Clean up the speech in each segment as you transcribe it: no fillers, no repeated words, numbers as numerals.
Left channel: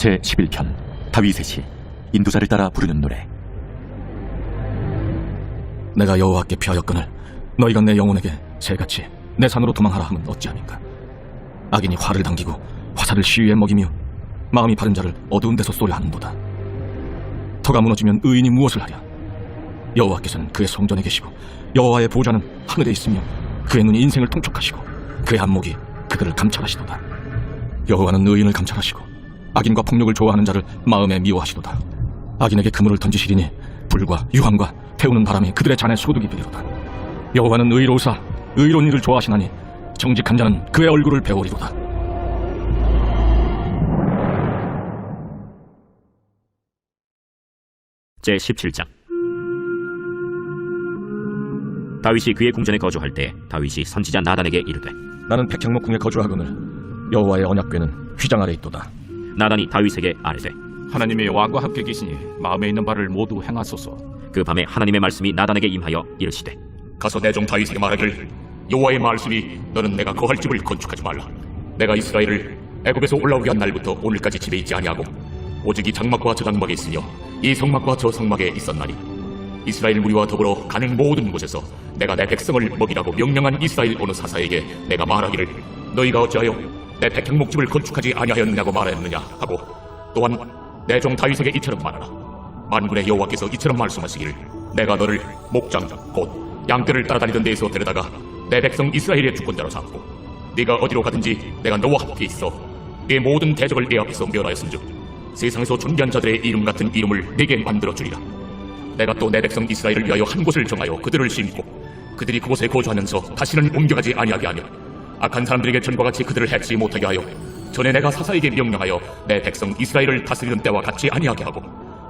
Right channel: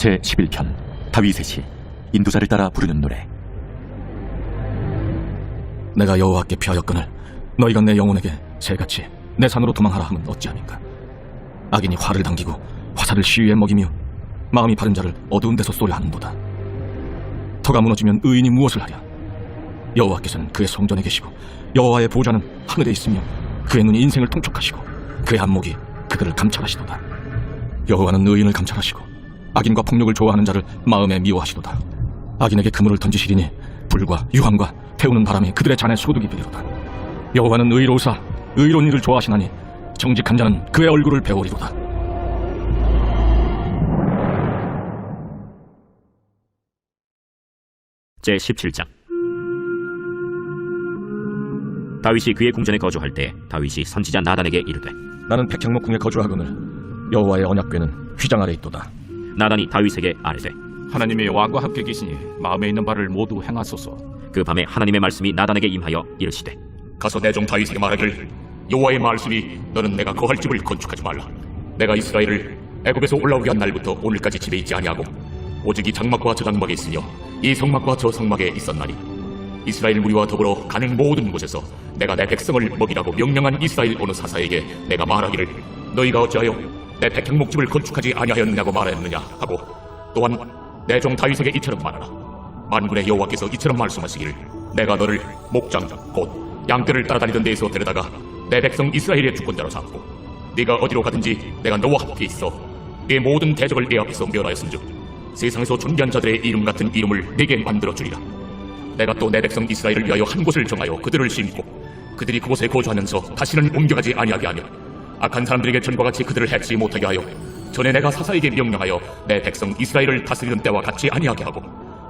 제11편 다윗의 시 인도자를 따라 부르는 노래. 내가 여호와께 피하였거늘 너희가 내 영혼에게 새같이 내 산으로 도망하라 하면 어찌함인가. 악인이 활을 당기고 화살을 시위에 먹이며 마음이 바른 자를 어두운 데서 쏘려 하는도다. 터가 무너지면 의인이 무엇을 하랴. 여호와께서는 그의 성전에 계시고 여호와의 보좌는 하늘에 있으며 그의 눈이 인생을 통촉하시고 그의 안목이 그들을 감찰하시도다. 여호와는 의인을 감찰하시고 악인과 폭력을 좋아하는 자를 마음에 미워하시도다. 악인에게 그물을 던지시리니 불과 유황과 태우는 바람이 그들의 잔에 소득이 되리로다. 여호와는 의로우사 의로운 일을 좋아하시나니 정직한 자는 그의 얼굴을 배우리로다. 제17장. 다윗이 그의 궁전에 거주할 때 다윗이 선지자 나단에게 이르되, 나는 백향목 궁에 거주하거늘 여호와의 언약궤는 휘장 아래 있도다. 나단이 다윗에게 아뢰되, 하나님의 왕과 함께 계시니 마음에 있는 바를 모두 행하소서. 그 밤에 하나님의 말씀이 나단에게 임하여 이르시되, 가서 내 종 다윗에게 말하기를 여호와의 말씀이 너는 내가 거할 집을 건축하지 말라. 내가 이스라엘을 애굽에서 올라오게 한 날부터 오늘까지 집에 있지 아니하고 오직 이 장막과 저 장막에 있으며 이 성막과 저 성막에 있었나니 이스라엘 무리와 더불어 가는 모든 곳에서 내가 내 백성을 먹이라고 명령한 이스라엘 어느 사사에게 내가 말하기를 너희가 어찌하여 내 백향목집을 건축하지 아니하였느냐고 말하였느냐 하고 또한 내 종 다윗에게 이처럼 말하라. 만군의 여호와께서 이처럼 말씀하시기를 내가 너를 목장 곧 양떼를 따라다니던 데에서 데려다가 내 백성 이스라엘의 주권자로 삼고 네가 어디로 가든지 내가 너와 함께 있어 네 모든 대적을 네 앞에서 멸하였은즉 세상에서 존귀한 자들의 이름 같은 이름을 네게 만들어주리라. 내가 또 내 백성 이스라엘을 위하여 한 곳을 정하여 그들을 심고 그들이 그곳에 거주하면서 다시는 옮겨가지 아니하게 하며 악한 사람들에게 전과 같이 그들을 해치지 못하게 하여 전에 내가 사사에게 명령하여 내 백성 이스라엘을 다스리는 때와 같이 아니하게 하고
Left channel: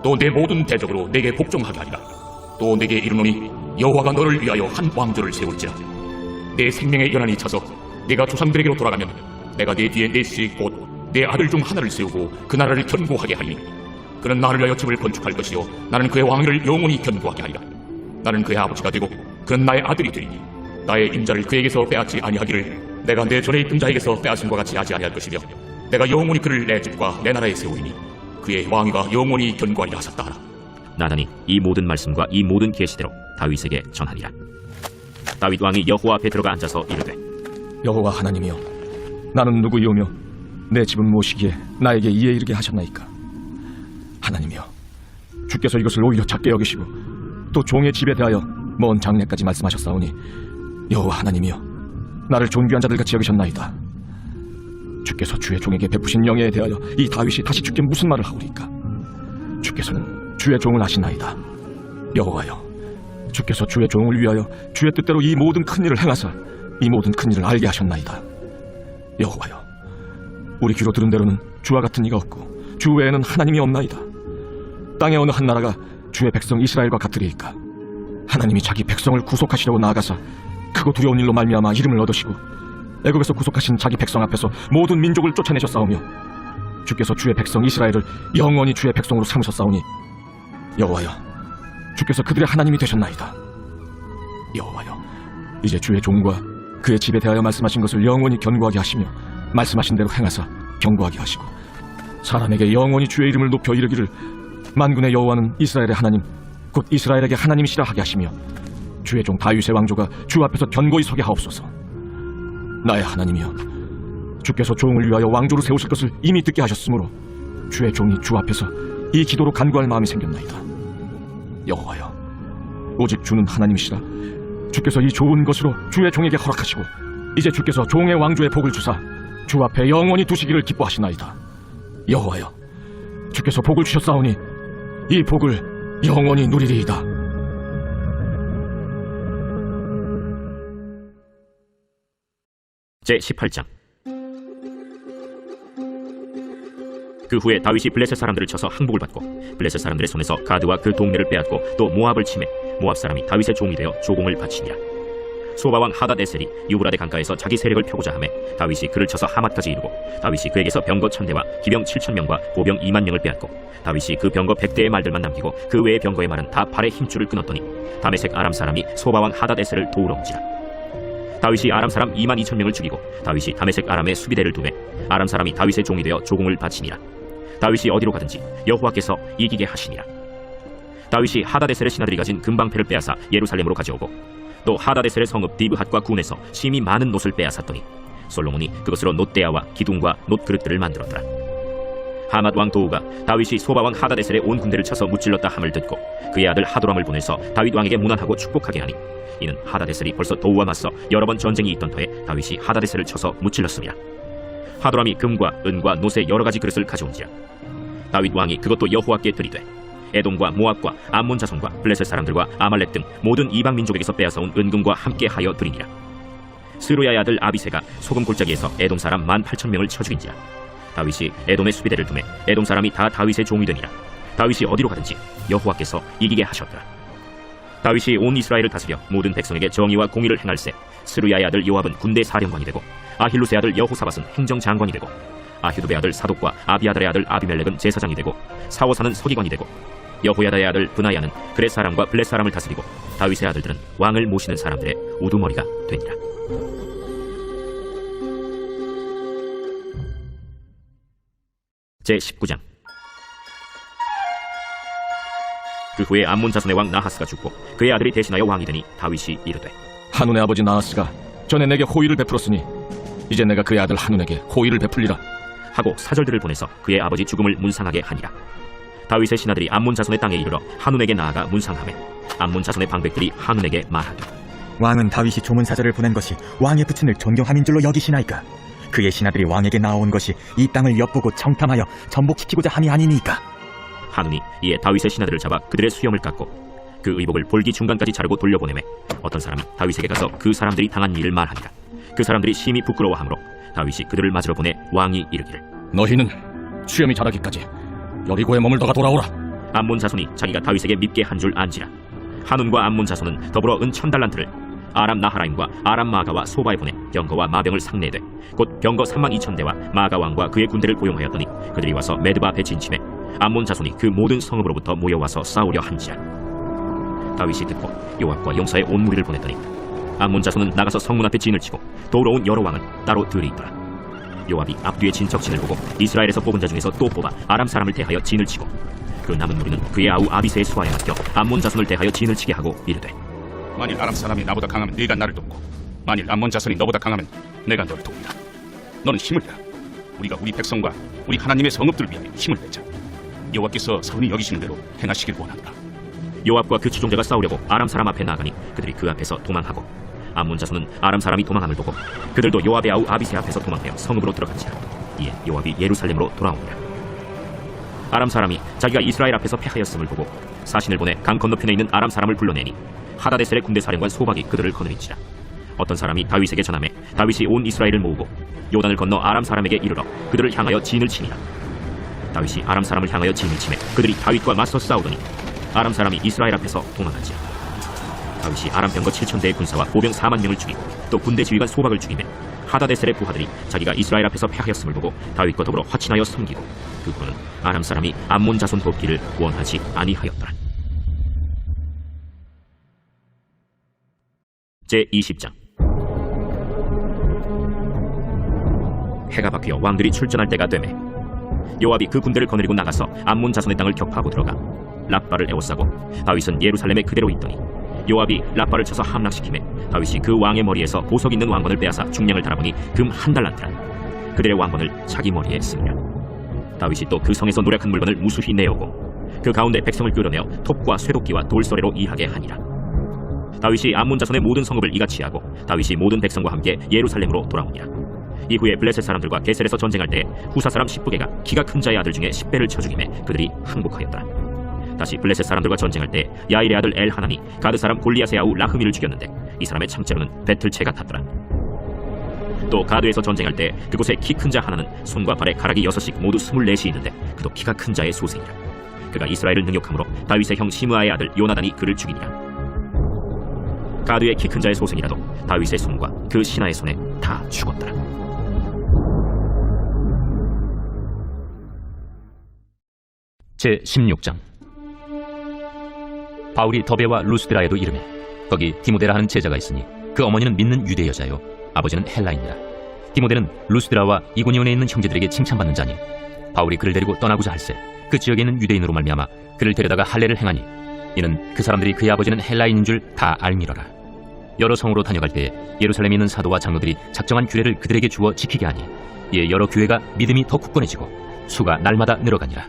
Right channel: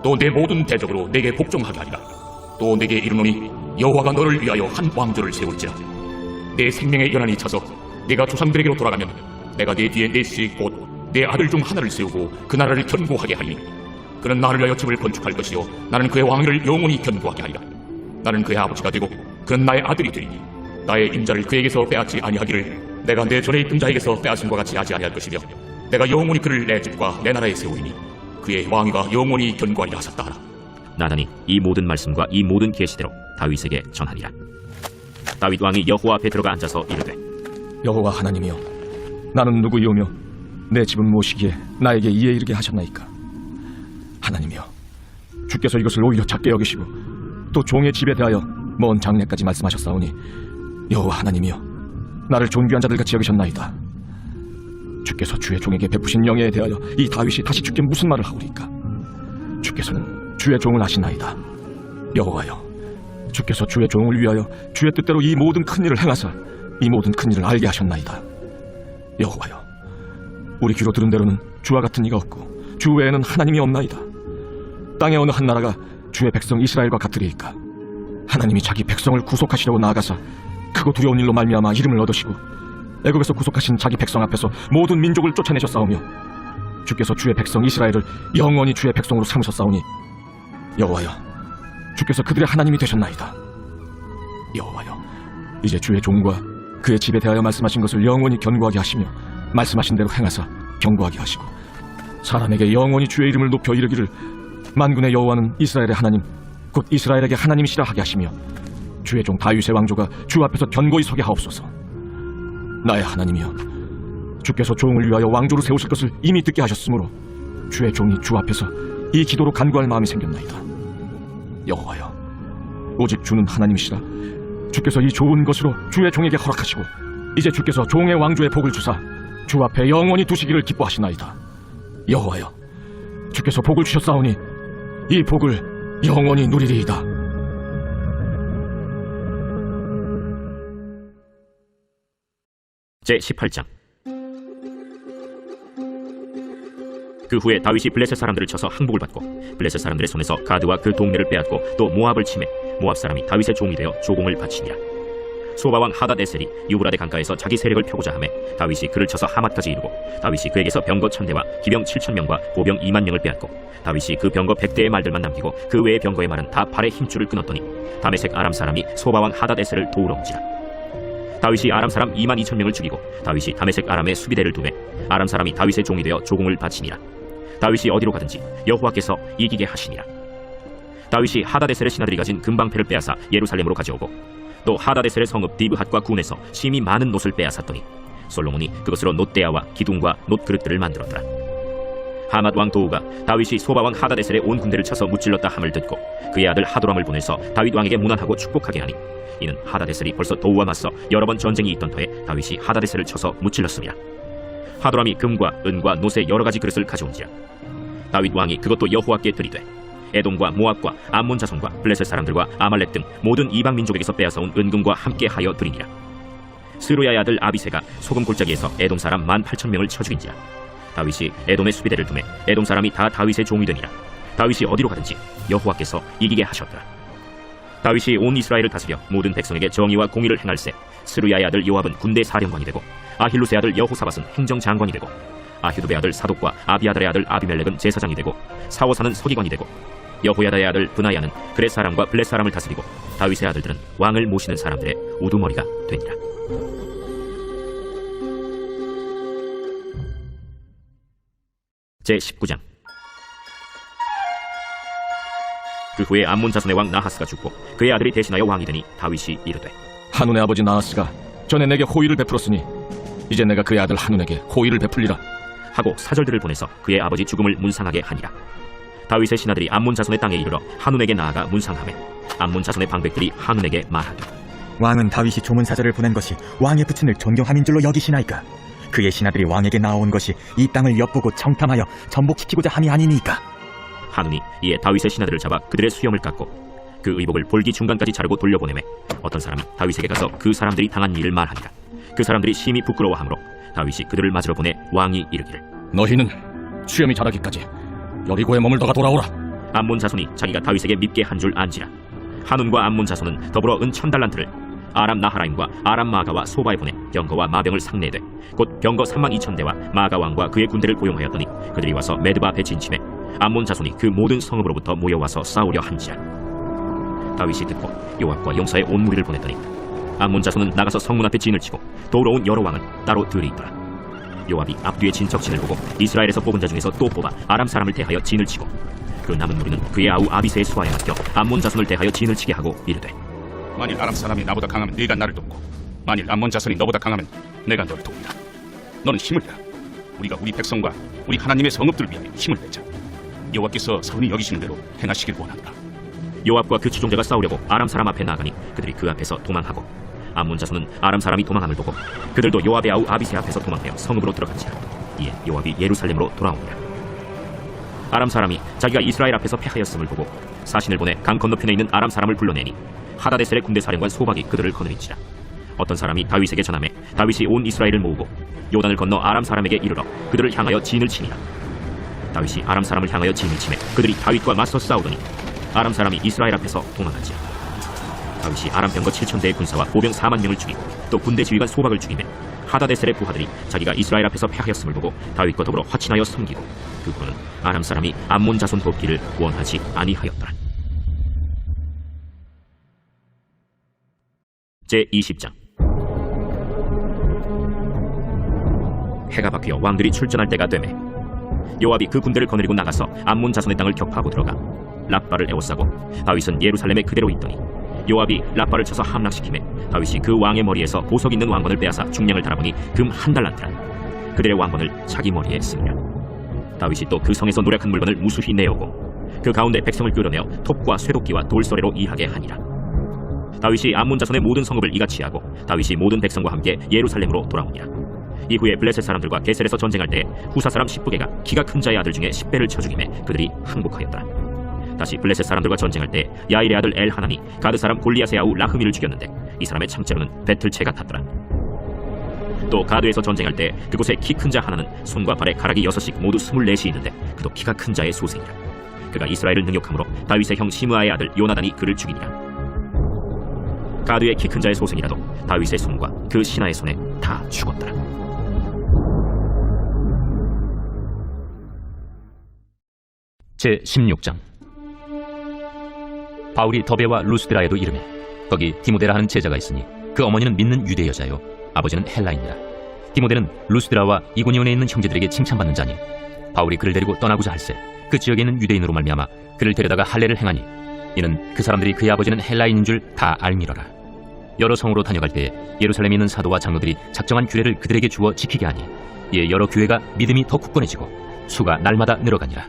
또 내 모든 대적으로 내게 복종하게 하리라. 또 내게 이르노니 여호와가 너를 위하여 한 왕조를 세울지라. 내 생명의 연한이 차서 네가 조상들에게로 돌아가면 내가 네 뒤에 네 씨 곧 내 아들 중 하나를 세우고 그 나라를 견고하게 하리니 그는 나를 위하여 집을 건축할 것이요 나는 그의 왕위를 영원히 견고하게 하리라. 나는 그의 아버지가 되고 그는 나의 아들이 되리니 나의 임자를 그에게서 빼앗지 아니하기를 내가 내 전에 있던 자에게서 빼앗음과 같이 하지 아니할 것이며 내가 영원히 그를 내 집과 내 나라에 세우리니 그의 왕위가 영원히 견고하리라 하셨다 하라. 나단이 이 모든 말씀과 이 모든 계시대로 다윗에게 전하니라. 다윗 왕이 여호와 앞에 들어가 앉아서 이르되, 여호와 하나님이여, 나는 누구이오며 내 집은 무엇이기에 나에게 이에 이르게 하셨나이까. 하나님이여, 주께서 이것을 오히려 작게 여기시고 또 종의 집에 대하여 먼 장래까지 말씀하셨사오니 여호와 하나님이여, 나를 존귀한 자들같이 여기셨나이다. 주께서 주의 종에게 베푸신 영예에 대하여 이 다윗이 다시 주께 무슨 말을 하오리까. 주께서는 주의 종을 아시나이다. 여호와여, 주께서 주의 종을 위하여 주의 뜻대로 이 모든 큰 일을 행하사 이 모든 큰 일을 알게 하셨나이다. 여호와여, 우리 귀로 들은 대로는 주와 같은 이가 없고 주 외에는 하나님이 없나이다. 땅의 어느 한 나라가 주의 백성 이스라엘과 같으리이까. 하나님이 자기 백성을 구속하시려고 나아가사 크고 두려운 일로 말미암아 이름을 얻으시고 애굽에서 구속하신 자기 백성 앞에서 모든 민족을 쫓아내셨사오며 주께서 주의 백성 이스라엘을 영원히 주의 백성으로 삼으셨사오니 여호와여, 주께서 그들의 하나님이 되셨나이다. 여호와여, 이제 주의 종과 그의 집에 대하여 말씀하신 것을 영원히 견고하게 하시며 말씀하신 대로 행하사 견고하게 하시고 사람에게 영원히 주의 이름을 높여 이르기를 만군의 여호와는 이스라엘의 하나님 곧 이스라엘에게 하나님이시라 하게 하시며 주의 종 다윗의 왕조가 주 앞에서 견고히 서게 하옵소서. 나의 하나님이여, 주께서 종을 위하여 왕조를 세우실 것을 이미 듣게 하셨으므로 주의 종이 주 앞에서 이 기도로 간구할 마음이 생겼나이다. 여호와여, 오직 주는 하나님이시라. 주께서 이 좋은 것으로 주의 종에게 허락하시고 이제 주께서 종의 왕조의 복을 주사 주 앞에 영원히 두시기를 기뻐하시나이다. 여호와여, 주께서 복을 주셨사오니 이 복을 영원히 누리리이다. 제18장. 그 후에 다윗이 블레셋 사람들을 쳐서 항복을 받고 블레셋 사람들의 손에서 가드와 그 동네를 빼앗고 또 모압을 치매 모압 사람이 다윗의 종이 되어 조공을 바치니라. 소바왕 하닷에셀이 유브라데 강가에서 자기 세력을 펴고자 하매 다윗이 그를 쳐서 하맛까지 이르고 다윗이 그에게서 병거 1000대와 기병 7000명과 보병 20000명을 빼앗고 다윗이 그 병거 100대의 말들만 남기고 그 외의 병거의 말은 다 발의 힘줄을 끊었더니 다메섹 아람 사람이 소바왕 하닷에셀을 도우러 온지라. 다윗이 아람 사람 22,000명을 죽이고 다윗이 다메섹 아람에 수비대를 두매 아람 사람이 다윗의 종이 되어 조공을 바치니라. 다윗이 어디로 가든지 여호와께서 이기게 하시니라. 다윗이 하다데셀의 신하들이 가진 금방패를 빼앗아 예루살렘으로 가져오고 또 하다데셀의 성읍 디브핫과 군에서 심히 많은 놋을 빼앗았더니 솔로몬이 그것으로 놋대야와 기둥과 놋그릇들을 만들었더라. 하맛 왕 도우가 다윗이 소바 왕 하다데셀의 온 군대를 쳐서 무찔렀다 함을 듣고 그의 아들 하도람을 보내서 다윗 왕에게 문안하고 축복하게 하니 이는 하다데셀이 벌써 도우와 맞서 여러 번 전쟁이 있던 터에 다윗이 하다데셀을 쳐서 무찔렀습니다. 하도람이 금과 은과 놋의 여러 가지 그릇을 가져온지라. 다윗 왕이 그것도 여호와께 드리되 에돔과 모압과 암몬 자손과 블레셋 사람들과 아말렉 등 모든 이방 민족에게서 빼앗아온 은금과 함께 하여 드리니라. 스루야의 아들 아비새가 소금 골짜기에서 에돔 사람 18,000명을 쳐 죽인지라. 다윗이 에돔의 수비대를 두매 에돔 사람이 다 다윗의 종이 되니라. 다윗이 어디로 가든지 여호와께서 이기게 하셨더라. 다윗이 온 이스라엘을 다스려 모든 백성에게 정의와 공의를 행할세 스루야의 아들 요압은 군대 사령관이 되고 아힐루스의 아들 여호사밧은 행정장관이 되고 아휴두의 아들 사독과 아비아달의 아들 아비멜렉은 제사장이 되고 사워사는 서기관이 되고 여호야다의 아들 브나야는 그렛 사람과 블렛 사람을 다스리고 다윗의 아들들은 왕을 모시는 사람들의 우두머리가 되니라. 제19장. 그 후에 암몬 자손의 왕 나하스가 죽고 그의 아들이 대신하여 왕이 되니 다윗이 이르되 한운의 아버지 나하스가 전에 내게 호의를 베풀었으니 이제 내가 그의 아들 한운에게 호의를 베풀리라 하고 사절들을 보내서 그의 아버지 죽음을 문상하게 하니라. 다윗의 신하들이 암몬 자손의 땅에 이르러 한운에게 나아가 문상하매 암몬 자손의 방백들이 한운에게 말하되 왕은 다윗이 조문사절을 보낸 것이 왕의 부친을 존경함인 줄로 여기시나이까? 그의 신하들이 왕에게 나아온 것이 이 땅을 엿보고 청탐하여 전복시키고자 함이 아니니까? 한운이 이에 다윗의 신하들을 잡아 그들의 수염을 깎고 그 의복을 볼기 중간까지 자르고 돌려보내매 어떤 사람이 다윗에게 가서 그 사람들이 당한 일을 말하니라. 그 사람들이 심히 부끄러워하므로 다윗이 그들을 맞으러 보내 왕이 이르기를 너희는 수염이 자라기까지 여리고에 머물다가 돌아오라. 암몬 자손이 자기가 다윗에게 밉게 한 줄 안지라. 한운과 암몬 자손은 더불어 은 1000달란트를 아람 나하라임과 아람 마가와 소바에 보내 병거와 마병을 상례되 곧 병거 32,000대와 마가 왕과 그의 군대를 고용하였더니 그들이 와서 메드바 앞에 진침해 암몬 자손이 그 모든 성읍으로부터 모여와서 싸우려 한지라. 다윗이 듣고 요압과 용사의 온 무리를 보냈더니 암몬 자손은 나가서 성문 앞에 진을 치고 도우러 온 여러 왕은 따로 들이 있더라. 요압이 앞뒤에 진척진을 보고 이스라엘에서 뽑은 자 중에서 또 뽑아 아람 사람을 대하여 진을 치고 그 남은 무리는 그의 아우 아비새의 수하에 맡겨 암몬 자손을 대하여 진을 치게 하고 이르되 만일 아람 사람이 나보다 강하면 네가 나를 돕고 만일 암몬 자손이 너보다 강하면 내가 너를 돕는다. 너는 힘을 내라. 우리가 우리 백성과 우리 하나님의 성읍들을 위하여 힘을 내자. 여호와께서 선히 여기시는 대로 행하시길 원한다. 요압과 그 추종자가 싸우려고 아람 사람 앞에 나가니 그들이 그 앞에서 도망하고 암몬 자손은 아람 사람이 도망함을 보고 그들도 요압의 아우 아비새 앞에서 도망하여 성읍으로 들어간지라. 이에 요압이 예루살렘으로 돌아오니라. 아람 사람이 자기가 이스라엘 앞에서 패하였음을 보고 사신을 보내 강 건너편에 있는 아람 사람을 불러내니 하다데셀의 군대 사령관 소박이 그들을 거느린지라. 어떤 사람이 다윗에게 전하매 다윗이 온 이스라엘을 모으고 요단을 건너 아람 사람에게 이르러 그들을 향하여 진을 치니라. 다윗이 아람 사람을 향하여 진을 치매 그들이 다윗과 맞서 싸우더니 아람 사람이 이스라엘 앞에서 도망하지라. 다윗이 아람 병거 7,000대의 군사와 보병 4만 명을 죽이고 또 군대 지휘관 소박을 죽이매 하다데셀의 부하들이 자기가 이스라엘 앞에서 패하였음을 보고 다윗과 더불어 화친하여 섬기고 그 후로는 아람 사람이 암몬 자손 돕기를 원하지 아니하였더라. 제20장. 해가 바뀌어 왕들이 출전할 때가 되매 요압이 그 군대를 거느리고 나가서 암몬 자손의 땅을 격파하고 들어가 랍바를 에워싸고 다윗은 예루살렘에 그대로 있더니 요압이 랍바를 쳐서 함락시키매 다윗이 그 왕의 머리에서 보석 있는 왕건을 빼앗아 중량을 달아보니 금 1달란트라. 그들의 왕건을 자기 머리에 쓰니라. 다윗이 또 그 성에서 노력한 물건을 무수히 내어오고 그 가운데 백성을 끌어내어 톱과 쇠도끼와 돌소래로 이하게 하니라. 다윗이 암몬 자손의 모든 성읍을 이같이 하고 다윗이 모든 백성과 함께 예루살렘으로 돌아오니라. 이후에 블레셋 사람들과 게셀에서 전쟁할 때 후사 사람 10부개가 키가 큰 자의 아들 중에 10배를 쳐 죽이매 그들이 항복하였더라. 다시 블레셋 사람들과 전쟁할 때 야일의 아들 엘하나니 가드 사람 골리앗의 아우 라흐미를 죽였는데 이 사람의 창자로는 배틀채 같았더라. 또 가드에서 전쟁할 때 그곳에 키 큰 자 하나는 손과 발에 가락이 6씩 모두 24이 있는데 그도 키가 큰 자의 소생이라. 그가 이스라엘을 능욕함으로 다윗의 형 시므아의 아들 요나단이 그를 죽이니라. 가드의 키 큰 자의 소생이라도 다윗의 손과 그 신하의 손에 다 죽었더라. 제16장. 바울이 더베와 루스드라에도 이르매 거기 디모데라 하는 제자가 있으니 그 어머니는 믿는 유대 여자요 아버지는 헬라인이라. 디모데는 루스드라와 이고니온에 있는 형제들에게 칭찬받는 자니 바울이 그를 데리고 떠나고자 할세 그 지역에 있는 유대인으로 말미암아 그를 데려다가 할례를 행하니 이는 그 사람들이 그의 아버지는 헬라인인 줄 다 알미러라. 여러 성으로 다녀갈 때에 예루살렘에 있는 사도와 장로들이 작정한 규례를 그들에게 주어 지키게 하니 이에 여러 교회가 믿음이 더 굳건해지고 수가 날마다 늘어가니라.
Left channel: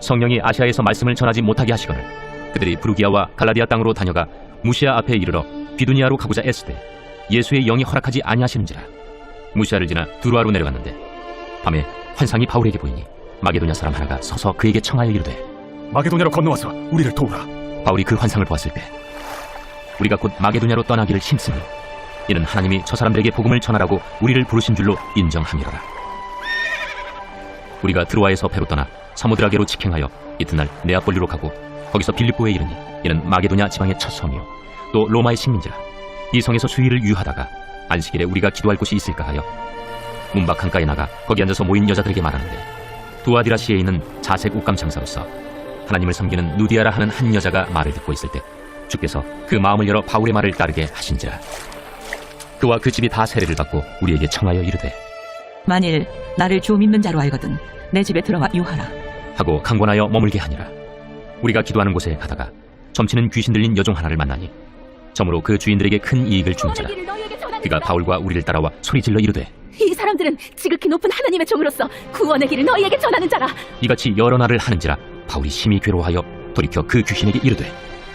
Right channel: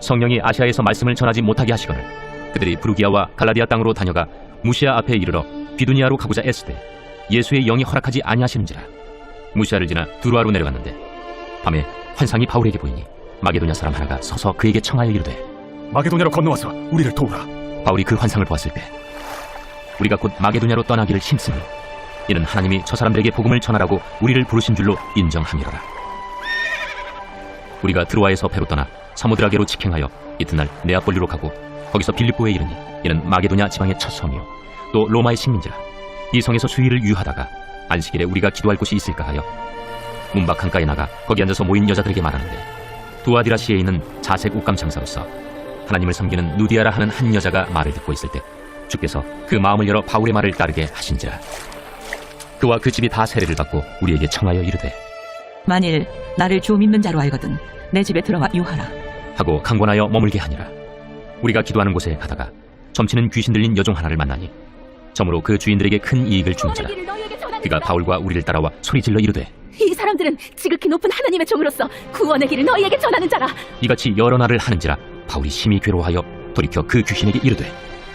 성령이 아시아에서 말씀을 전하지 못하게 하시거늘 그들이 부르기아와 갈라디아 땅으로 다녀가 무시아 앞에 이르러 비두니아로 가고자 애쓰되 예수의 영이 허락하지 아니하시는지라. 무시아를 지나 두루아로 내려갔는데 밤에 환상이 바울에게 보이니 마게도냐 사람 하나가 서서 그에게 청하여 이르되 마게도냐로 건너와서 우리를 도우라. 바울이 그 환상을 보았을 때 우리가 곧 마게도냐로 떠나기를 힘쓰니 이는 하나님이 저 사람들에게 복음을 전하라고 우리를 부르신 줄로 인정함이로라. 우리가 드로아에서 배로 떠나 사모드라게로 직행하여 이튿날 네아폴리로 가고 거기서 빌립보에 이르니 이는 마게도냐 지방의 첫 성이요 또 로마의 식민지라. 이 성에서 수일을 유하다가 안식일에 우리가 기도할 곳이 있을까 하여 문밖 강가에 나가 거기 앉아서 모인 여자들에게 말하는데 두아디라시에 있는 자색 옷감 장사로서 하나님을 섬기는 누디아라 하는 한 여자가 말을 듣고 있을 때 주께서 그 마음을 열어 바울의 말을 따르게 하신지라. 그와 그 집이 다 세례를 받고 우리에게 청하여 이르되 만일 나를 주 믿는 자로 알거든 내 집에 들어가 유하라 하고 강권하여 머물게 하니라. 우리가 기도하는 곳에 가다가 점치는 귀신 들린 여종 하나를 만나니 점으로 그 주인들에게 큰 이익을 주는 자라. 그가 바울과 우리를 따라와 소리질러 이르되 이 사람들은 지극히 높은 하나님의 종으로서 구원의 길을 너희에게 전하는 자라. 이같이 여러 날을 하는지라 바울이 심히 괴로워하여 돌이켜 그 귀신에게 이르되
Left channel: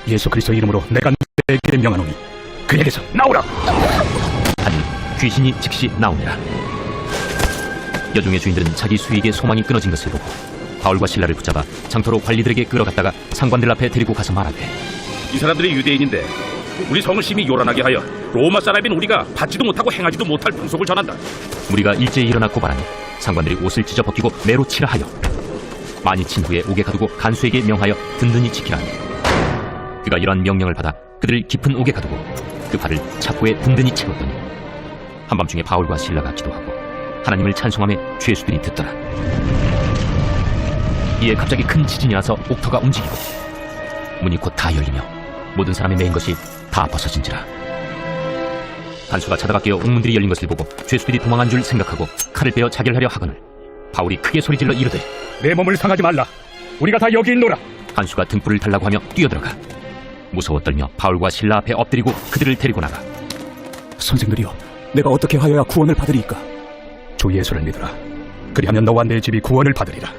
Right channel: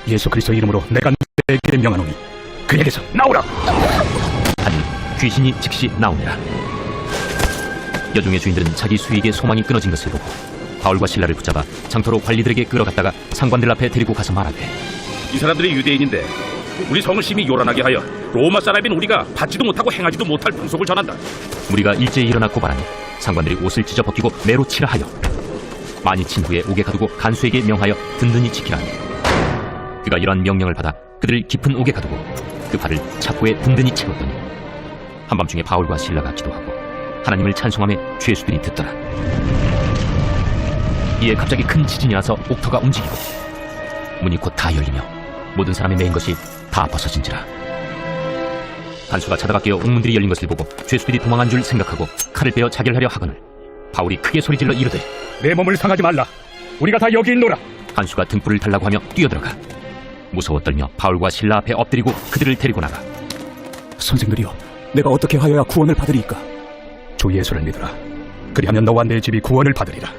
예수 그리스도 이름으로 내가 너에게 명하노니 그에게서 나오라. 하니 귀신이 즉시 나오니라. 여종의 주인들은 자기 수익의 소망이 끊어진 것을 보고 바울과 실라를 붙잡아 장터로 관리들에게 끌어갔다가 상관들 앞에 데리고 가서 말하되 이 사람들이 유대인인데 우리 성을 심히 요란하게 하여 로마 사람인 우리가 받지도 못하고 행하지도 못할 풍속을 전한다. 우리가 일제히 일어나 고발하니 상관들이 옷을 찢어 벗기고 매로 치라 하여 많이 친 후에 옥에 가두고 간수에게 명하여 든든히 지키라 하니 그가 이러한 명령을 받아 그들을 깊은 옥에 가두고 그 발을 착고에 든든히 채웠더니 한밤중에 바울과 실라가 기도하고 하나님을 찬송하며 죄수들이 듣더라. 이에 갑자기 큰 지진이 나서 옥터가 움직이고 문이 곧 다 열리며 모든 사람이 메인 것이 다 벗어진지라. 간수가 자다가 깨어 옥문들이 열린 것을 보고 죄수들이 도망한 줄 생각하고 칼을 빼어 자결하려 하거늘 바울이 크게 소리질러 이르되 내 몸을 상하지 말라. 우리가 다 여기 있노라. 간수가 등불을 달라고 하며 뛰어들어가 무서워 떨며 바울과 실라 앞에 엎드리고 그들을 데리고 나가 선생들이여, 내가 어떻게 하여야 구원을 받으리까? 주 예수를 믿으라. 그리하면 너와 내 집이 구원을 받으리라.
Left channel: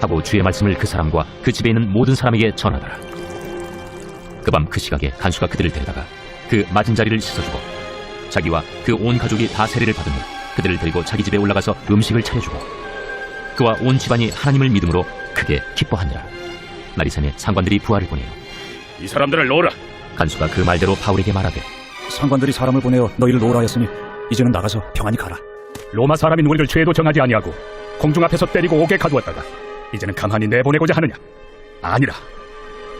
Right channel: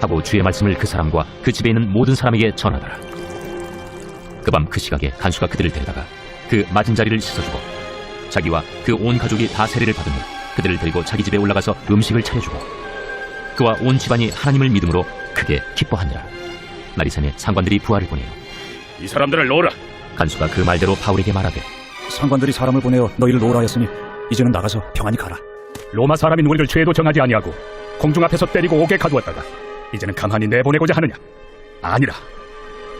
하고 주의 말씀을 그 사람과 그 집에 있는 모든 사람에게 전하더라. 그 밤 그 시각에 간수가 그들을 데려다가 그 맞은 자리를 씻어주고 자기와 그 온 가족이 다 세례를 받으며 그들을 데리고 자기 집에 올라가서 음식을 차려주고 그와 온 집안이 하나님을 믿음으로 크게 기뻐하니라. 날이 새매 상관들이 부하를 보내요. 이 사람들을 놓으라. 간수가 그 말대로 바울에게 말하되 상관들이 사람을 보내어 너희를 놓으라 했으니 이제는 나가서 평안히 가라. 로마 사람인 우리를 죄도 정하지 아니하고 공중 앞에서 때리고 옥에 가두었다가 이제는 가만히 내보내고자 하느냐? 아니라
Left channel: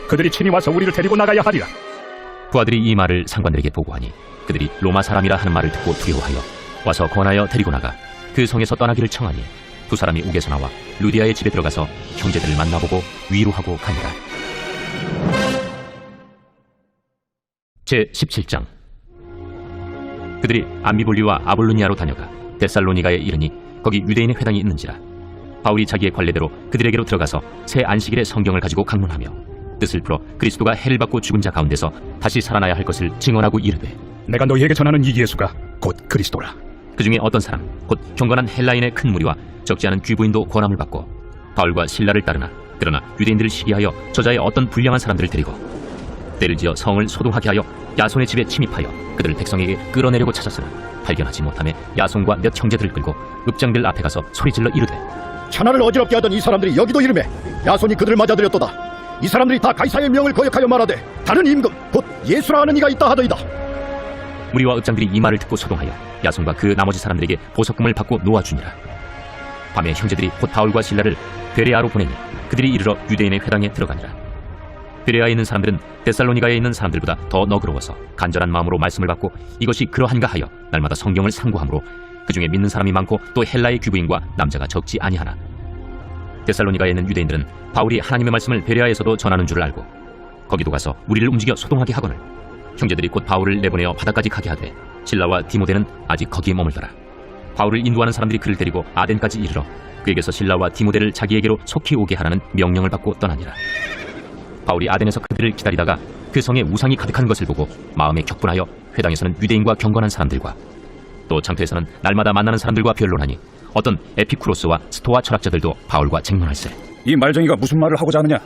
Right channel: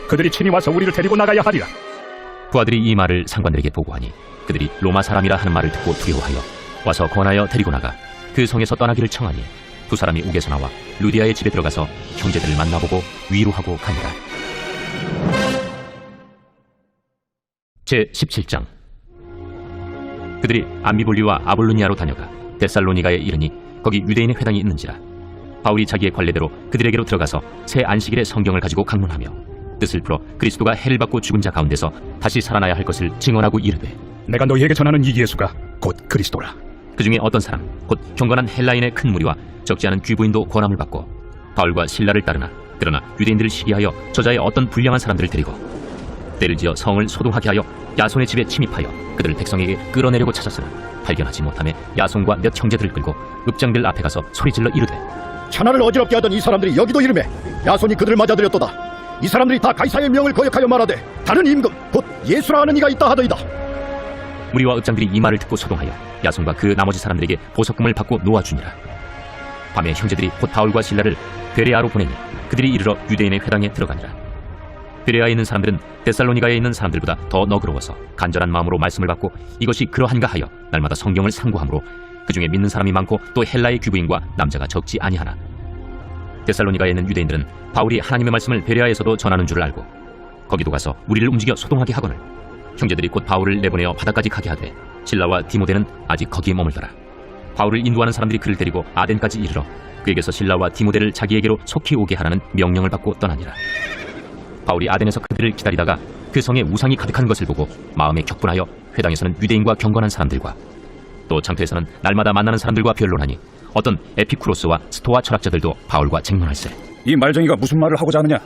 그들이 친히 와서 우리를 데리고 나가야 하리라. 부하들이 이 말을 상관들에게 보고하니 그들이 로마 사람이라 하는 말을 듣고 두려워하여 와서 권하여 데리고 나가 그 성에서 떠나기를 청하니 두 사람이 옥에서 나와 루디아의 집에 들어가서 형제들을 만나보고 위로하고 가니라. 제17장. 그들이 암비볼리와 아볼로니아로 다녀가 데살로니가에 이르니 거기 유대인의 회당이 있는지라. 바울이 자기의 관례대로 그들에게로 들어가서 새 안식일에 성경을 가지고 강론하며 뜻을 풀어 그리스도가 해를 받고 죽은 자 가운데서 다시 살아나야 할 것을 증언하고 이르되 내가 너희에게 전하는 이 예수가 곧 그리스도라. 그 중에 어떤 사람 곧 경건한 헬라인의 큰 무리와 적지 않은 귀부인도 권함을 받고 바울과 실라를 따르나 그러나 유대인들을 시기하여 저자의 어떤 불량한 사람들을 데리고 때를 지어 성을 소동하게 하여 야손의 집에 침입하여 그들을 백성에게 끌어내려고 찾았으나 발견하지 못하며 야손과 몇 형제들을 끌고 읍장들 앞에 가서 소리질러 이르되 천하를 어지럽게 하던 이 사람들이 여기도 이르매 야손이 그들을 맞아들였도다. 이 사람들이 다 가이사의 명을 거역하여 말하되 다른 임금 곧 예수라 하는 이가 있다 하더이다. 무리와 읍장들이 이 말을 듣고 소동하여 야손과 그 나머지 사람들에게 보석금을 받고 놓아주니라. 밤에 형제들이 곧 바울과 실라를 베레아로 보내니 그들이 이르러 유대인의 회당에 들어가니라. 베레아에 있는 사람들은 데살로니가에 있는 사람들보다 더 너그러워서 간절한 마음으로 말씀을 받고 이것이 그러한가 하여 날마다 성경을 상고하므로 그 중에 믿는 사람이 많고 또 헬라의 귀부인과 남자가 적지 아니하나 데살로니가에 있는 유대인들은 바울이 하나님의 말씀을 베레아에서도 전하는 줄을 알고 거기도 가서 우리를 움직여 소동하게 하거늘 형제들이 곧 바울을 내보내어 바다까지 가게 하되 실라와 디모데는 아직 거기에 머물더라. 바울을 인도하는 사람들이 그를 데리고 아덴까지 이르러 그에게서 실라와 디모데를 자기에게로 속히 오게 하라는 명령을 받고 떠나니라. 바울이 아덴에서 그들을 기다리다가 그 성에 우상이 가득한 것을 보고 마음에 격분하여 회당에서는 유대인과 경건한 사람들과 또 장터에서는 날마다 만나는 사람들과 변론하니 어떤 에피쿠로스와 스토아 철학자들도 바울과 쟁론할세. 이 말쟁이가 무슨 말을 하고자 하느냐?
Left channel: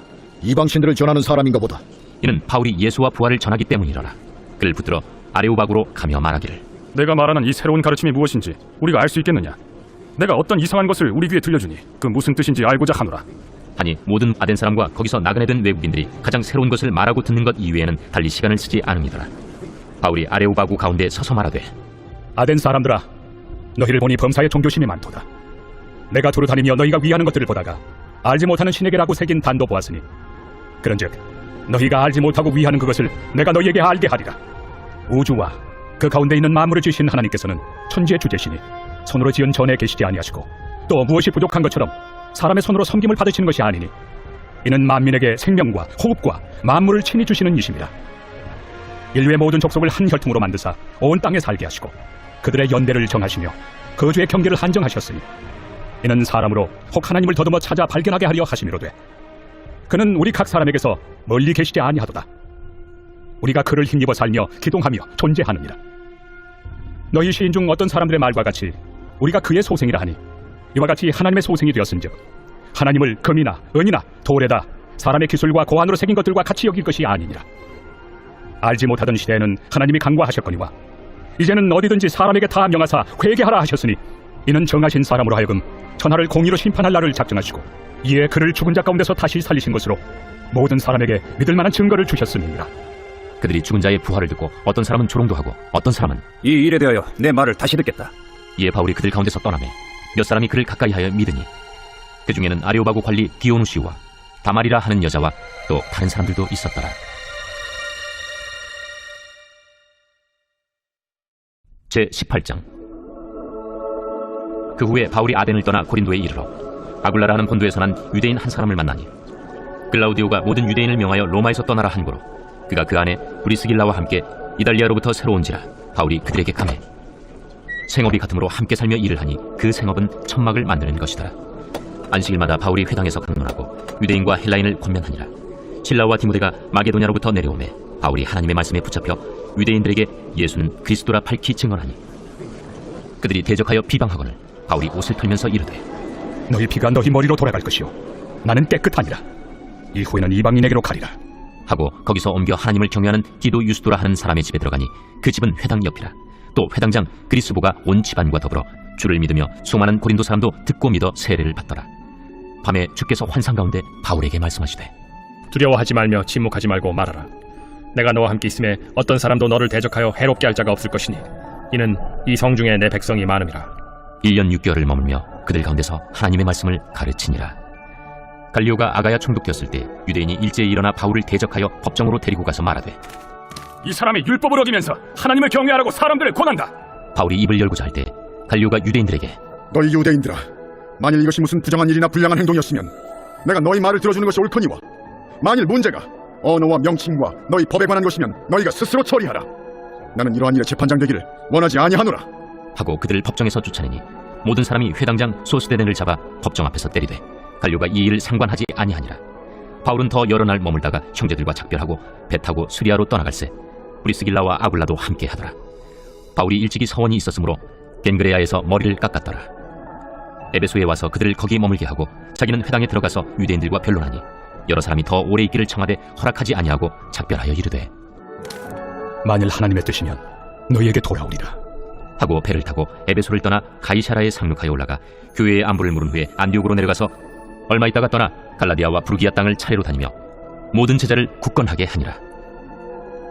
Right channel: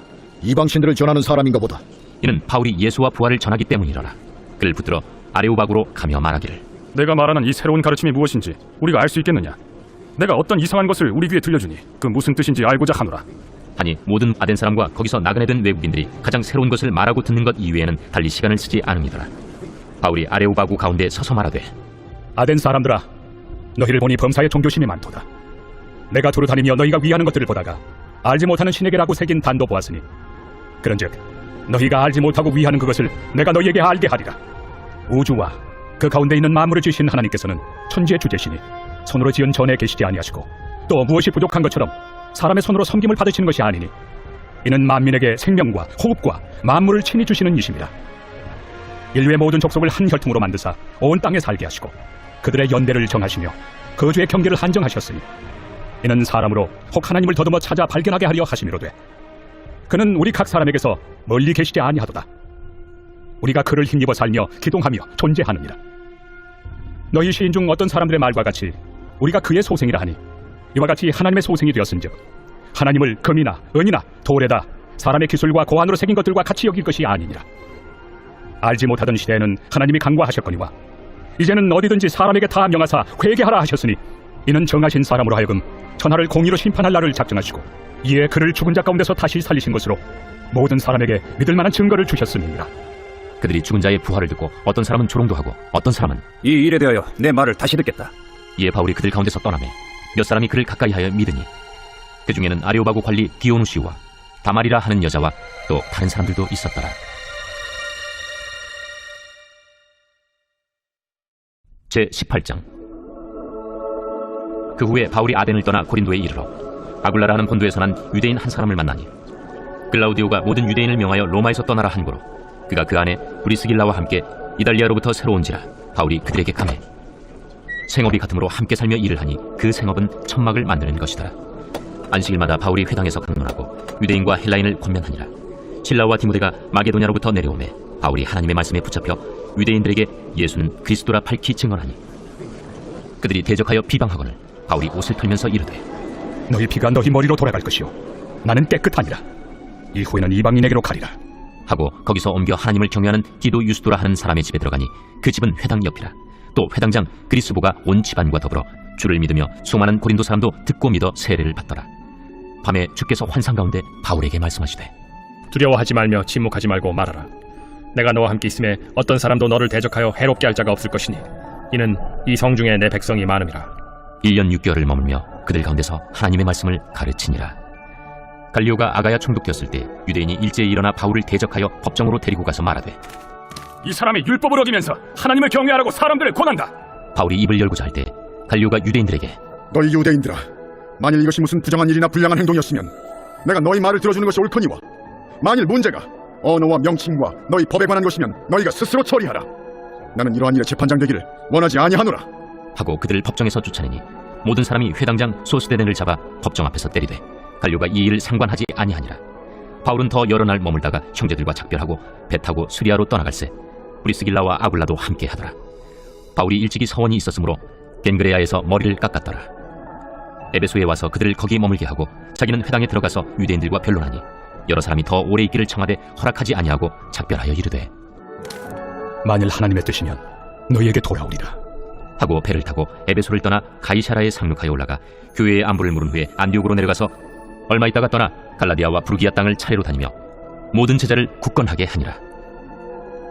이방신들을 전하는 사람인가 보다. 이는 바울이 예수와 부활을 전하기 때문이라라. 그를 붙들어 아레오바구로 가며 말하기를 내가 말하는 이 새로운 가르침이 무엇인지 우리가 알 수 있겠느냐? 내가 어떤 이상한 것을 우리 귀에 들려주니 그 무슨 뜻인지 알고자 하노라. 하니 모든 아덴 사람과 거기서 나그네된 외국인들이 가장 새로운 것을 말하고 듣는 것 이외에는 달리 시간을 쓰지 않으니더라. 바울이 아레오바구 가운데 서서 말하되 아덴 사람들아, 너희를 보니 범사에 종교심이 많도다. 내가 두루 다니며 너희가 위하는 것들을 보다가 알지 못하는 신에게라고 새긴 단도 보았으니 그런즉 너희가 알지 못하고 위하는 그것을 내가 너희에게 알게 하리라. 우주와 그 가운데 있는 만물을 지으신 하나님께서는 천지의 주제시니 손으로 지은 전에 계시지 아니하시고 또 무엇이 부족한 것처럼 사람의 손으로 섬김을 받으시는 것이 아니니 이는 만민에게 생명과 호흡과 만물을 친히 주시는 이심이라. 인류의 모든 족속을 한 혈통으로 만드사 온 땅에 살게 하시고 그들의 연대를 정하시며 거주의 경계를 한정하셨으니 이는 사람으로 혹 하나님을 더듬어 찾아 발견하게 하려 하심이로되 그는 우리 각 사람에게서 멀리 계시지 아니하도다. 우리가 그를 힘입어 살며 기동하며 존재하느니라. 너희 시인 중 어떤 사람들의 말과 같이 우리가 그의 소생이라 하니 이와 같이 하나님의 소생이 되었은즉 하나님을 금이나 은이나 돌에다 사람의 기술과 고안으로 새긴 것들과 같이 여길 것이 아니니라. 알지 못하던 시대에는 하나님이 간과하셨거니와 이제는 어디든지 사람에게 다 명하사 회개하라 하셨으니 이는 정하신 사람으로 하여금 천하를 공의로 심판할 날을 작정하시고 이에 그를 죽은 자 가운데서 다시 살리신 것으로 모든 사람에게 믿을 만한 증거를 주셨음이니라. 그들이 죽은 자의 부활을 듣고 어떤 사람은 조롱도 하고 어떤 사람은 이 일에 대하여 내 말을 다시 듣겠다. 이에 바울이 그들 가운데서 떠나매 몇 사람이 그를 가까이하여 믿으니 그 중에는 아레오바구 관리 디오누시우와 다말이라 하는 여자와 또 다른 사람들도 있었더라. 제18장. 그 후에 바울이 아덴을 떠나 고린도에 이르러 아굴라라는 본도에서 난 유대인 한 사람을 만나니 글라우디오가 모든 유대인을 명하여 로마에서 떠나라 한 고로 그가 그 안에 브리스길라와 함께 이달리아로부터 새로 온지라 바울이 그들에게 가매 생업이 같으므로 함께 살며 일을 하니 그 생업은 천막을 만드는 것이더라. 안식일마다 바울이 회당에서 강론하고 유대인과 헬라인을 권면하니라. 실라와 디모데가 마게도냐로부터 내려오매 바울이 하나님의 말씀에 붙잡혀 유대인들에게 예수는 그리스도라 밝히 증언하니 그들이 대적하여 비방하거늘 바울이 옷을 털면서 이르되 너희 피가 너희 머리로 돌아갈 것이요 나는 깨끗하니라. 이후에는 이방인에게로 가리라 하고 거기서 옮겨 하나님을 경외하는 디도 유스도라 하는 사람의 집에 들어가니 그 집은 회당 옆이라. 또 회당장 그리스보가 온 집안과 더불어 주를 믿으며 수많은 고린도 사람도 듣고 믿어 세례를 받더라. 밤에 주께서 환상 가운데 바울에게 말씀하시되 두려워하지 말며 침묵하지 말고 말하라. 내가 너와 함께 있음에 어떤 사람도 너를 대적하여 해롭게 할 자가 없을 것이니 이는 이 성 중에 내 백성이 많음이라. 1년 6개월을 머물며 그들 가운데서 하나님의 말씀을 가르치니라. 갈리오가 아가야 총독되었을 때 유대인이 일제에 일어나 바울을 대적하여 법정으로 데리고 가서 말하되 이 사람이 율법을 어기면서 하나님을 경외하라고 사람들을 권한다. 바울이 입을 열고자 할 때 갈리오가 유대인들에게 너희 유대인들아, 만일 이것이 무슨 부정한 일이나 불량한 행동이었으면 내가 너희 말을 들어주는 것이 옳거니와 만일 문제가 언어와 명칭과 너희 법에 관한 것이면 너희가 스스로 처리하라. 나는 이러한 일에 재판장 되기를 원하지 아니하노라. 하고 그들을 법정에서 쫓아내니 모든 사람이 회당장 소스데넨을 잡아 법정 앞에서 때리되 갈리오가 이 일을 상관하지 아니하니라. 바울은 더 여러 날 머물다가 형제들과 작별하고 배 타고 수리아로 떠나갈새 브리스길라와 아굴라도 함께 하더라. 바울이 일찍이 서원이 있었으므로 겐그레아에서 머리를 깎았더라. 에베소에 와서 그들을 거기 머물게 하고 자기는 회당에 들어가서 유대인들과 변론하니 여러 사람이 더 오래 있기를 청하되 허락하지 아니하고 작별하여 이르되 만일 하나님의 뜻이면 너희에게 돌아오리라 하고 배를 타고 에베소를 떠나 가이사라에 상륙하여 올라가 교회의 안부를 물은 후에 안디옥으로 내려가서 얼마 있다가 떠나 갈라디아와 부르기아 땅을 차례로 다니며 모든 제자를 굳건하게 하니라.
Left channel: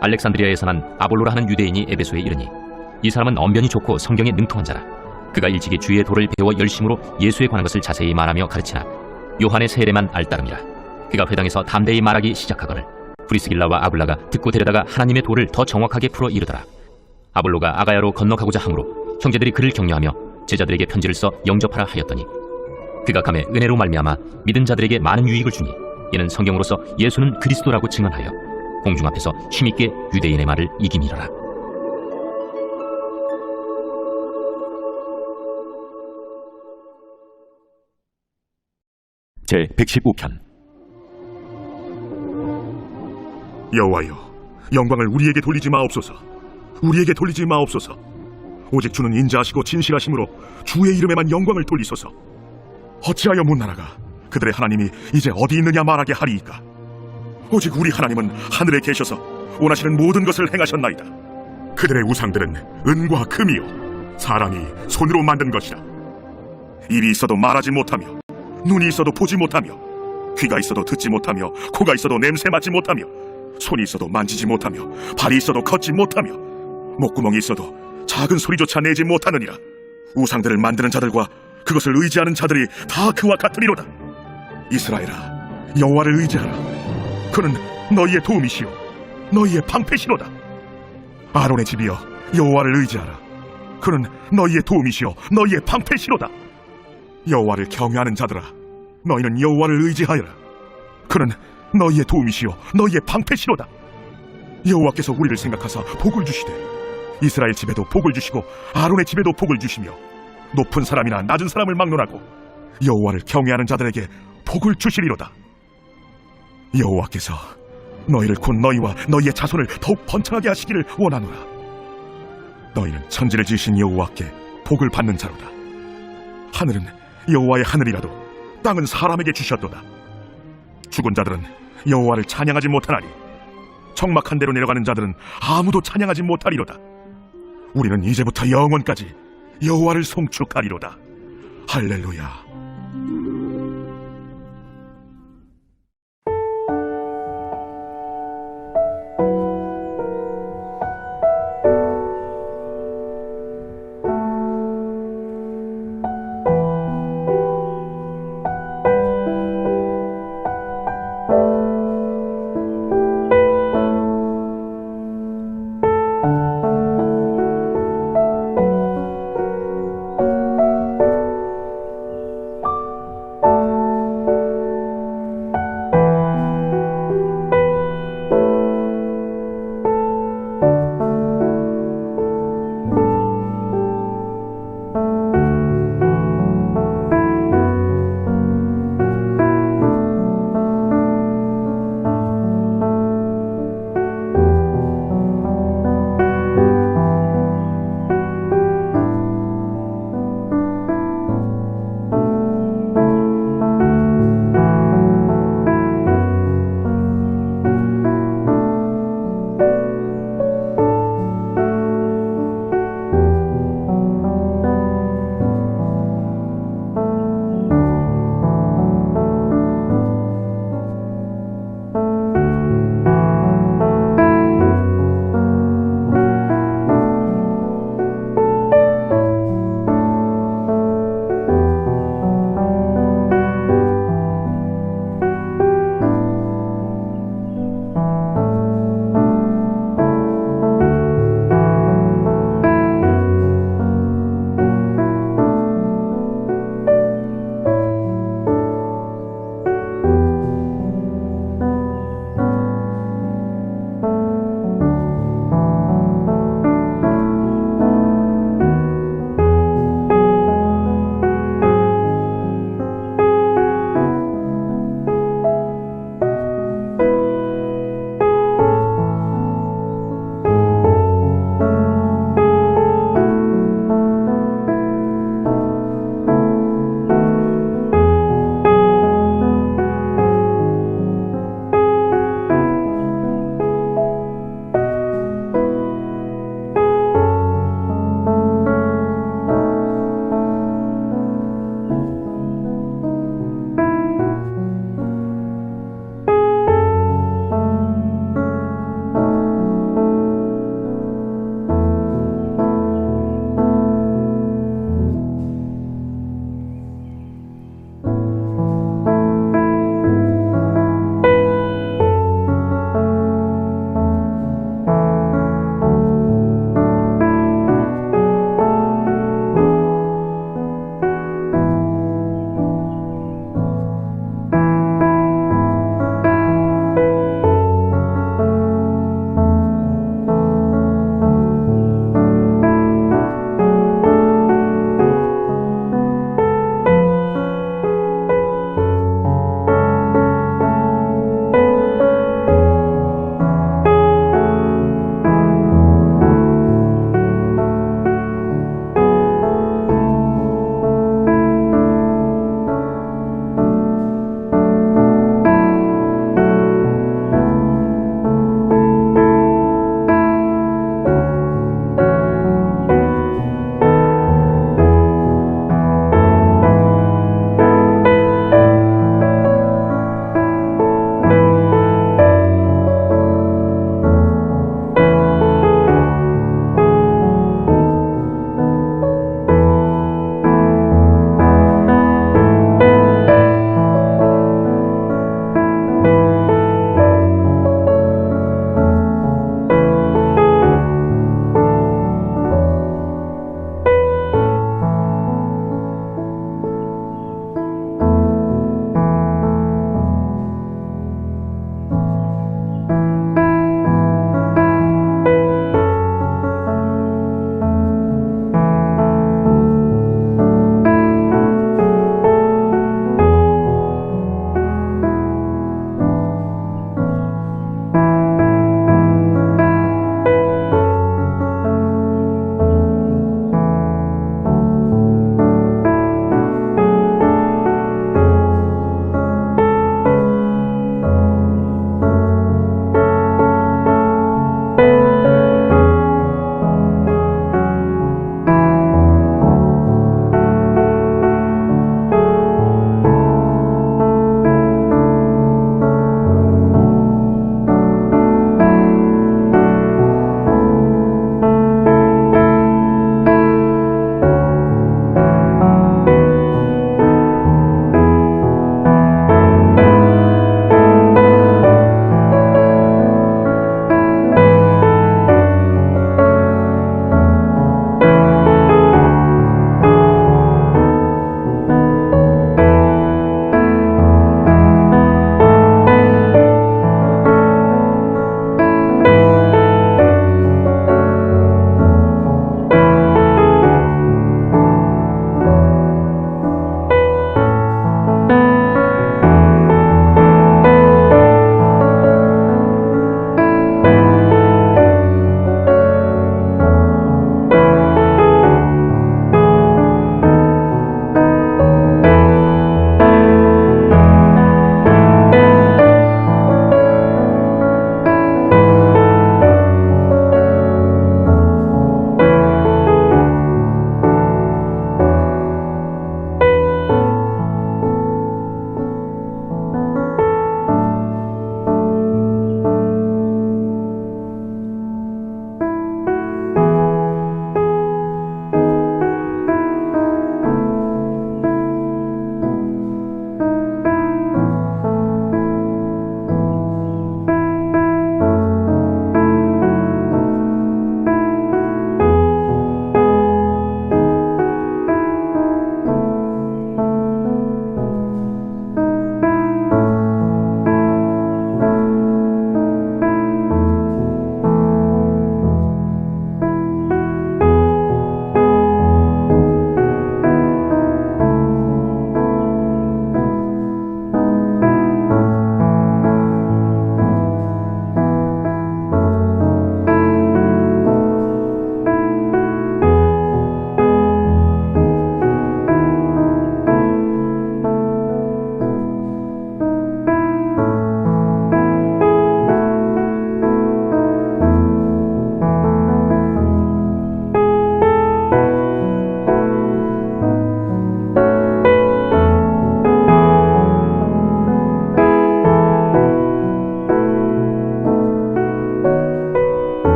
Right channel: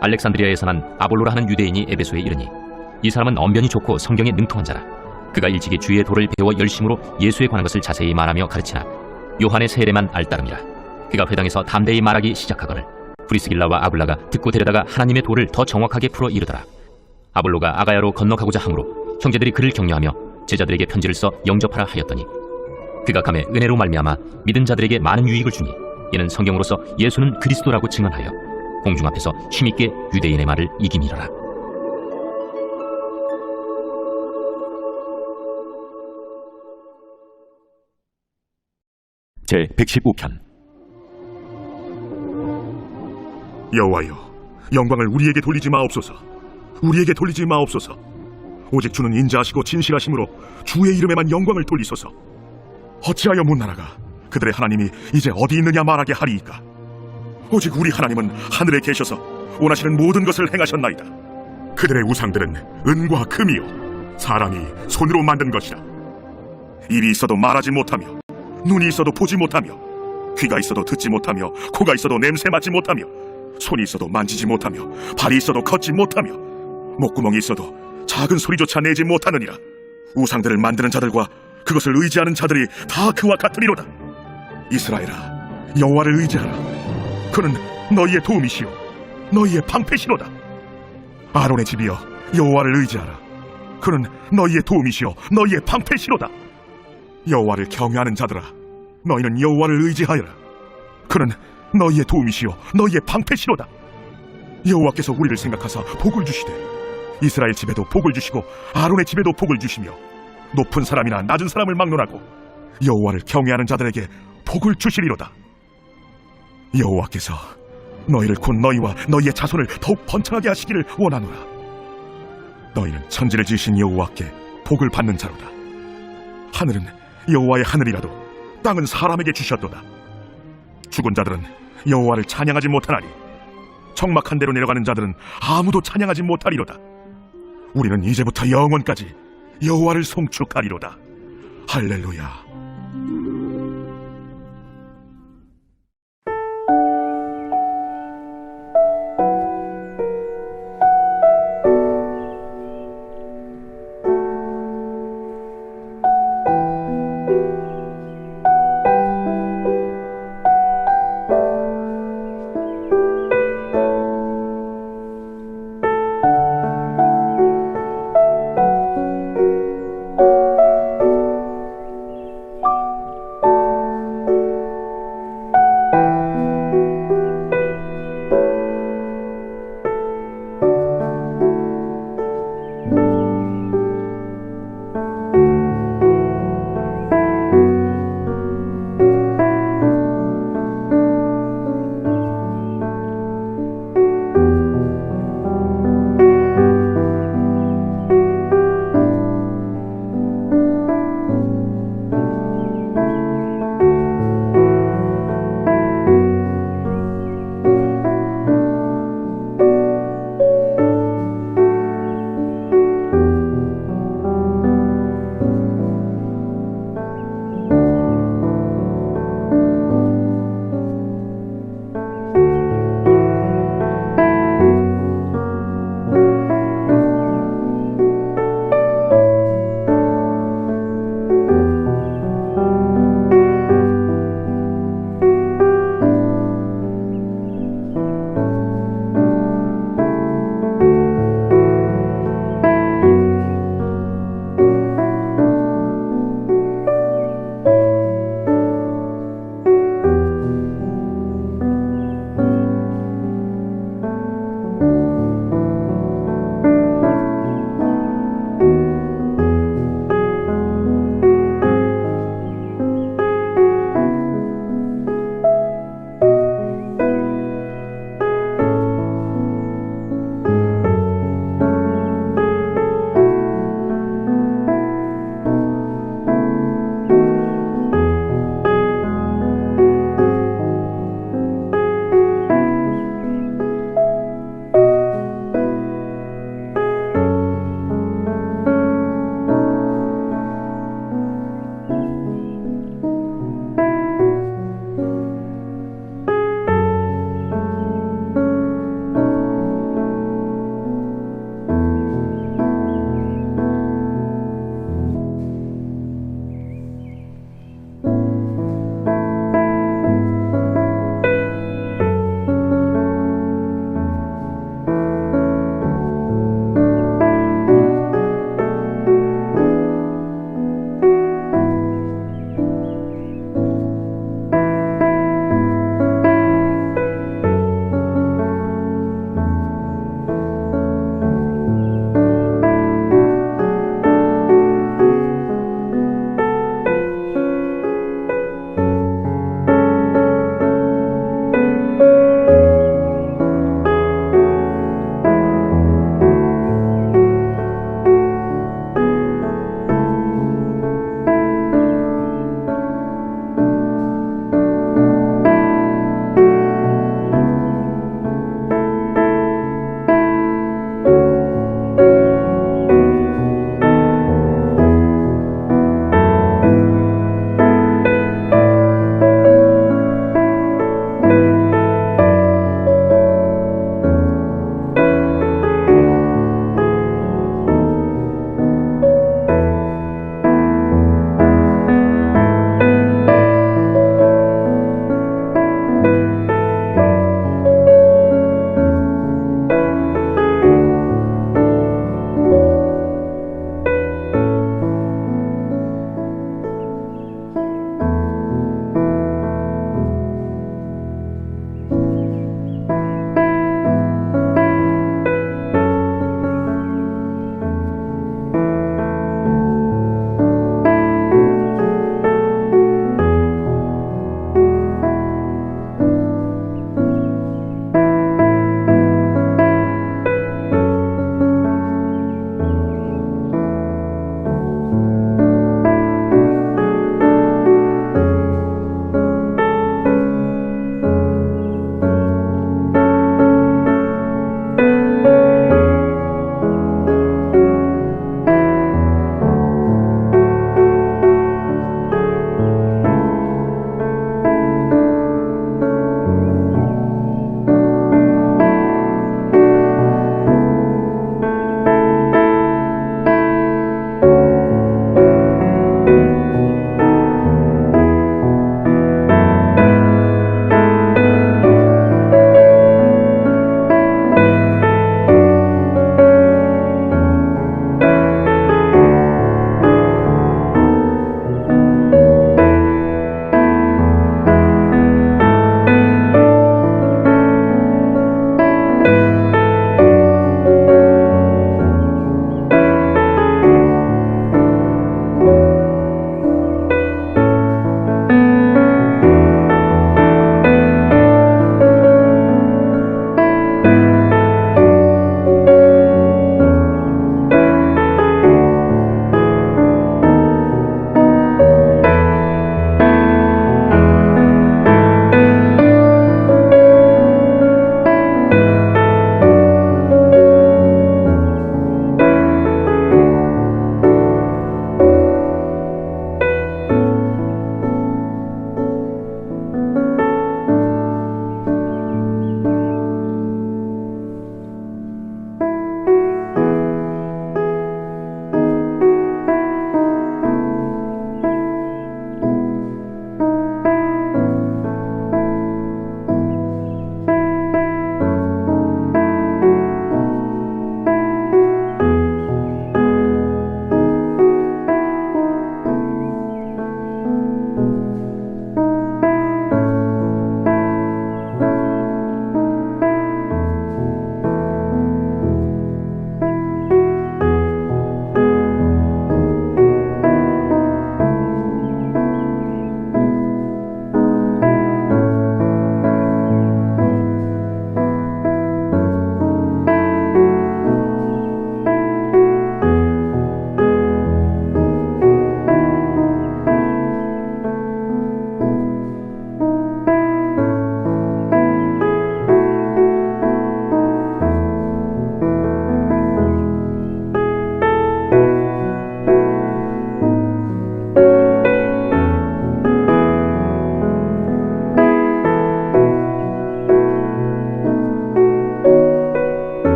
알렉산드리아에서 난 아볼로라 하는 유대인이 에베소에 이르니 이 사람은 언변이 좋고 성경에 능통한 자라. 그가 일찍이 주의 도를 배워 열심으로 예수에 관한 것을 자세히 말하며 가르치나 요한의 세례만 알따름이라. 그가 회당에서 담대히 말하기 시작하거늘 브리스길라와 아굴라가 듣고 데려다가 하나님의 도를 더 정확하게 풀어 이르더라. 아볼로가 아가야로 건너가고자 하므로 형제들이 그를 격려하며 제자들에게 편지를 써 영접하라 하였더니 그가 감에 은혜로 말미암아 믿은 자들에게 많은 유익을 주니 이는 성경으로서 예수는 그리스도라고 증언하여 공중 앞에서 힘있게 유대인의 말을 이기미러라. 제 115편. 여호와여, 영광을 우리에게 돌리지 마옵소서. 우리에게 돌리지 마옵소서. 오직 주는 인자하시고 진실하심으로 주의 이름에만 영광을 돌리소서. 어찌하여 문나라가 그들의 하나님이 이제 어디 있느냐 말하게 하리이까? 오직 우리 하나님은 하늘에 계셔서 원하시는 모든 것을 행하셨나이다. 그들의 우상들은 은과 금이요 사람이 손으로 만든 것이라. 입이 있어도 말하지 못하며, 눈이 있어도 보지 못하며, 귀가 있어도 듣지 못하며, 코가 있어도 냄새 맡지 못하며, 손이 있어도 만지지 못하며, 발이 있어도 걷지 못하며, 목구멍이 있어도 작은 소리조차 내지 못하느니라. 우상들을 만드는 자들과 그것을 의지하는 자들이 다 그와 같으리로다. 이스라엘아, 여호와를 의지하라. 그는 너희의 도움이시오 너희의 방패시로다. 아론의 집이여, 여호와를 의지하라. 그는 너희의 도움이시오 너희의 방패시로다. 여호와를 경외하는 자들아, 너희는 여호와를 의지하여라. 그는 너희의 도움이시오 너희의 방패시로다. 여호와께서 우리를 생각하사 복을 주시되 이스라엘 집에도 복을 주시고 아론의 집에도 복을 주시며 높은 사람이나 낮은 사람을 막론하고 여호와를 경외하는 자들에게 복을 주시리로다. 여호와께서 너희를 곧 너희와 너희의 자손을 더욱 번창하게 하시기를 원하노라. 너희는 천지를 지으신 여호와께 복을 받는 자로다. 하늘은 여호와의 하늘이라도 땅은 사람에게 주셨도다. 죽은 자들은 여호와를 찬양하지 못하나니 적막한 데로 내려가는 자들은 아무도 찬양하지 못하리로다. 우리는 이제부터 영원까지 여호와를 송축하리로다. 할렐루야.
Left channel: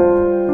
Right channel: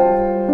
아